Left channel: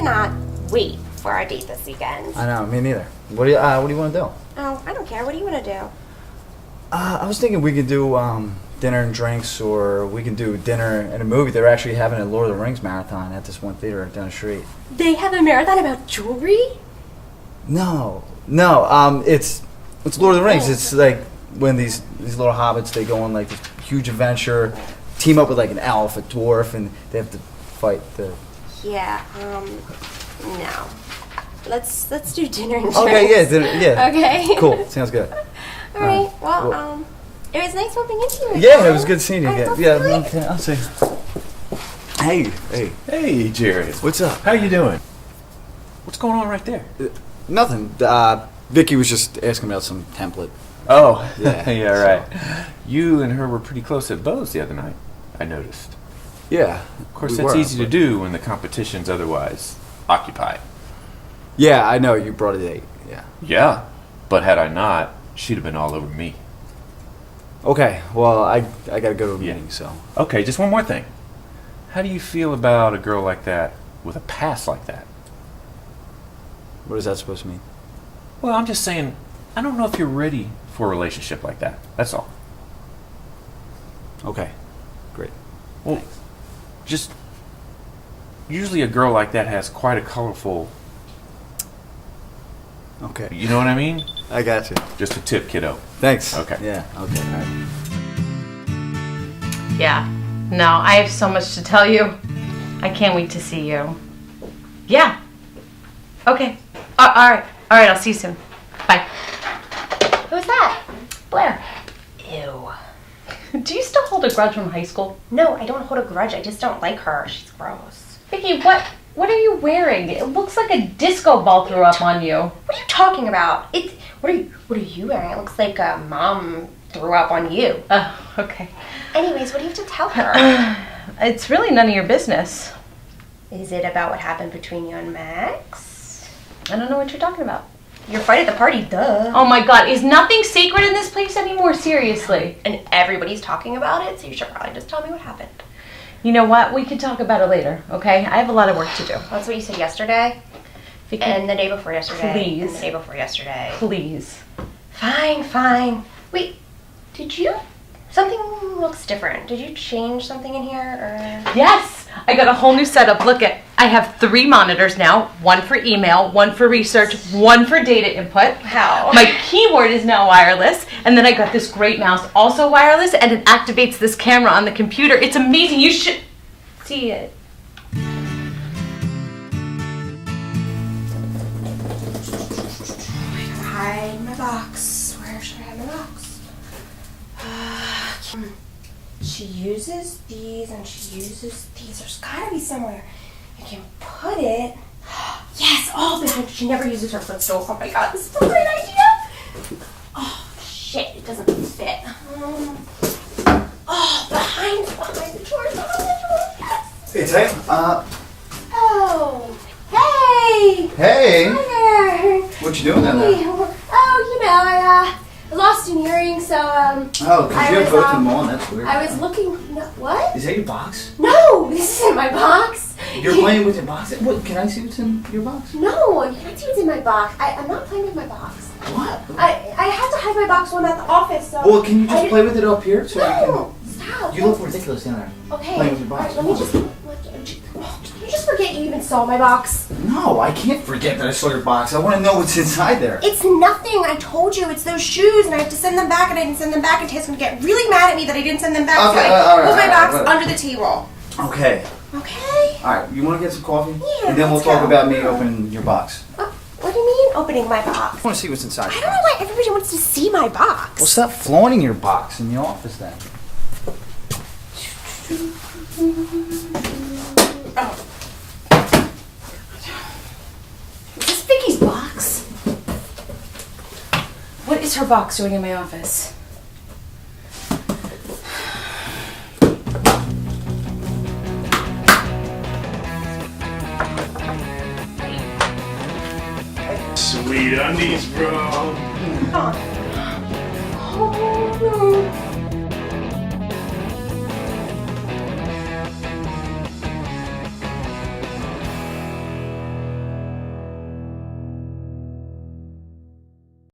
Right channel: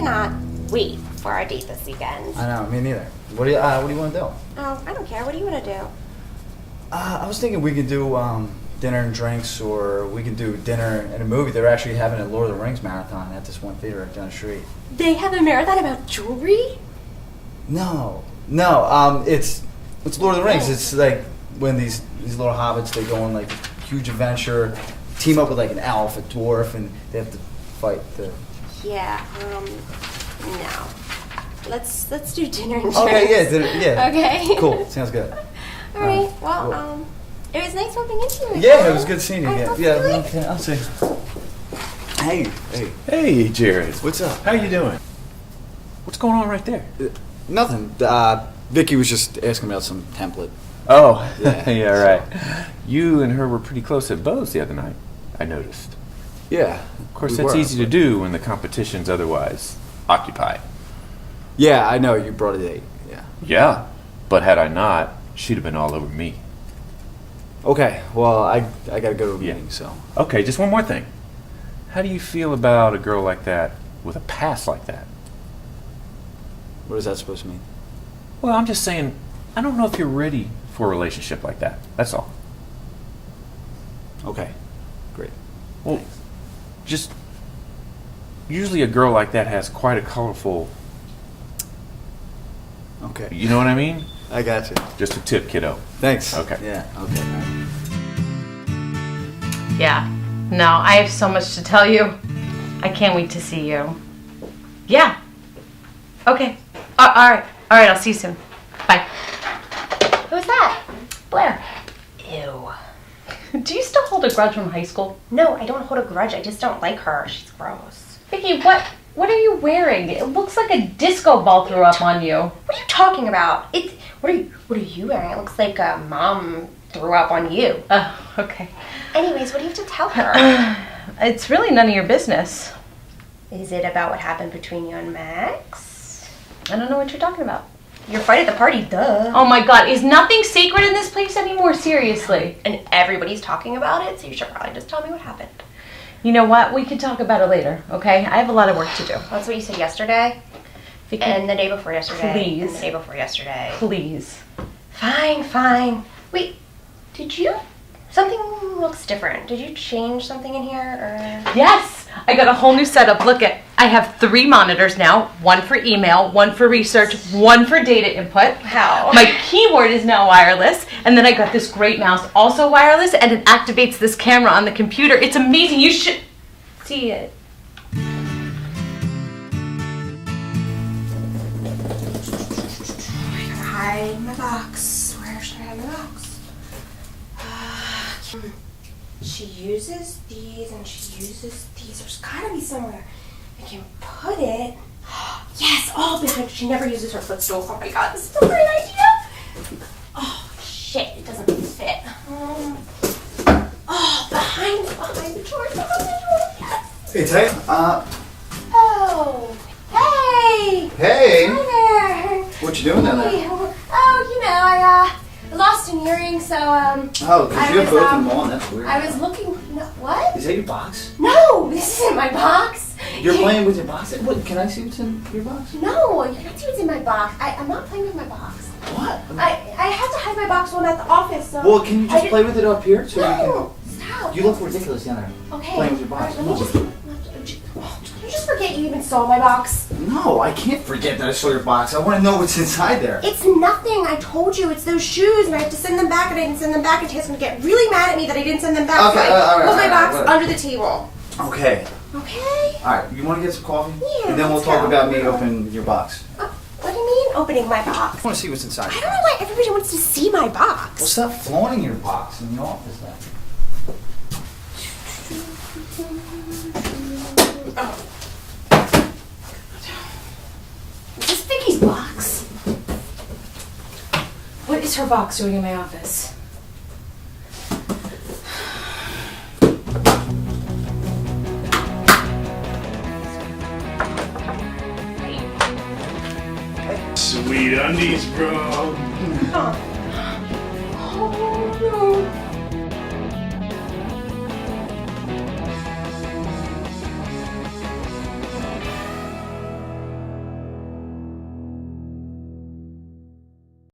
cannot wait for our date this weekend. I know, me neither. What do you want to do? Oh, I don't care. What do you want to do? I was thinking we could do dinner and drinks, or we can do dinner and a movie. They're actually having a Lord of the Rings marathon at this one theater down the street. They have a marathon about jewelry? No, it's Lord of the Rings. It's like when these little hobbits, they go on like this huge adventure, team up with like an elf, a dwarf, and they have to fight the... Yeah, no. Let's do dinner and drinks. Okay, yeah, dinner, yeah. Okay. Cool, sounds good. All right, well, it was nice bumping into you again. Yeah, it was good seeing you All right, again. talk to Yeah, you later. okay, I'll see. Hey. Hey, Jared. What's up? How you doing? What's going on right there? Nothing. Vicky was just asking about some template. Oh, Yeah, yeah, right. You and her were pretty close at Bo's the other night, I noticed. Yeah. Of course, that's easy to do when the competition's otherwise occupied. Yeah, I know, you brought a date. Yeah. Yeah, but had I not, she'd have been all over me. Okay, well, I gotta go to a Yeah. meeting, so... Okay, just one more thing. How do you feel about a girl like that with a past like that? What is that supposed to mean? Well, I'm just saying, I don't know if you're ready for a relationship like that. That's all. Okay, great. Well, just usually a girl like that has quite a colorful, Okay. you know what I mean? I got you. Just a tip, kiddo. Thanks. Okay. Yeah, okay, all right. Yeah. No, I have so much to tell you. I can't wait to see you. Yeah. Okay. All right. I'll see you soon. Bye. Who's that? Blair. Ew. Do you still hold a grudge from high school? No, I don't hold a grudge. I just don't like her. She's gross. Vicky, what are you wearing? It looks like a disco ball threw up on you. What are you talking about? What are you wearing? It looks like mom threw up on you. Oh, okay. Anyways, what do you have to tell her? It's really none of your business. Is it about what happened between you and Max? I don't know what you're talking about. Your fight at the party, duh. Oh my god, is nothing sacred in this place anymore? Seriously. And everybody's talking about it, so you should probably just tell me what happened. You know what? We could talk about it later, okay? I have a lot of work to do. That's what you said yesterday, Vicky, and the day before yesterday, Please. and the day before yesterday. please. Fine. Wait, did you? Something looks different. Did you change something in here, or? Yes! I got a whole new setup. Look I have 3 monitors now. 1 for email, 1 for research, 1 for data input. How? My keyboard is now wireless, and then I got this great mouse, also wireless, and it activates this camera on the computer. It's amazing. You should see it. Hide my box. Where should I hide my box? She uses these and she uses these. There's gotta be somewhere I can put it. Yes! Oh, behind. She never uses her footstool. Oh my god, this is a great idea! Oh, shit, it doesn't fit. Oh, behind the drawers, yes! Hey, Tay. Oh, hey! Hey! Hi there! What you doing down there? Oh, you know, I lost an earring, so, Oh, because I you have was, both of them on, that's weird. I was looking, no, what? Is that your box? No, this isn't my box. You're playing with your box? What, can I see what's in your box? No, you can't see what's in my box. I'm not playing with my box. What? I had to hide my box when I'm at the office, so. Well, can you just I play with it up here? So No, stop. you look ridiculous down there. Okay. Playing with your box. All right, let me you just forget you even saw my box. No, I can't forget that I saw your box. I want to know what's inside there. It's nothing. I told you. It's those shoes, and I have to send them back, and I didn't send them back, and Tay's gonna get really mad at me that I didn't send them back. Okay, so I put my box whatever. under the table. Okay. Okay. All right, you want to get some coffee? Yeah, And then we'll let's talk go. about me opening your box. What do you mean opening my box? I want to see what's inside I your don't know box. why everybody wants to see my box. Well, stop flaunting your box in the office then. Oh. Is this Vicky's box? What is her box doing in my office? Sweet undies, bro. Come on.